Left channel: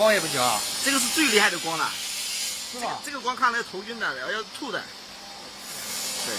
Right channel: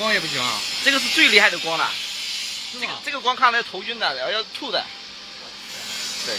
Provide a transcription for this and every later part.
光也不行啊。这个是最厉害的光了，是吧？这个光看来头晕的，要吐的。对。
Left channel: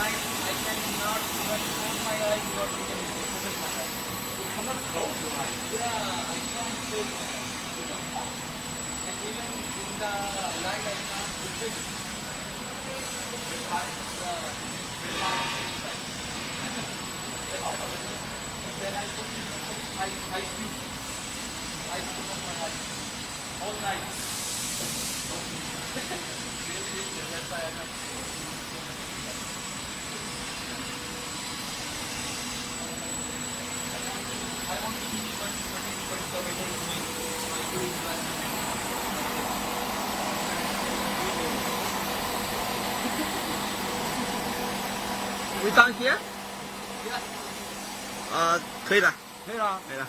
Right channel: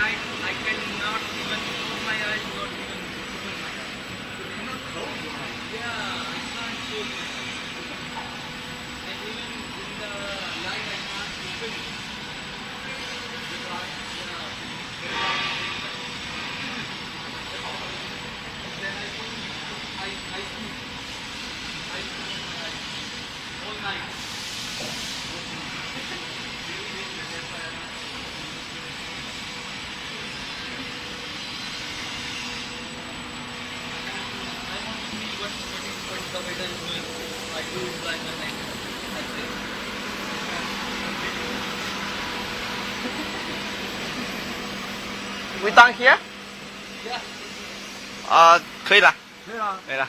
I cannot even close my eyes, not even open my eyes. You cannot close your eyes. Yeah, I can't close my eyes. And even in the night, I can't open it. Then I sleep. I sleep on my eyes all night. That's why I have. We done here? Yeah. 可以了，可以了。可以了。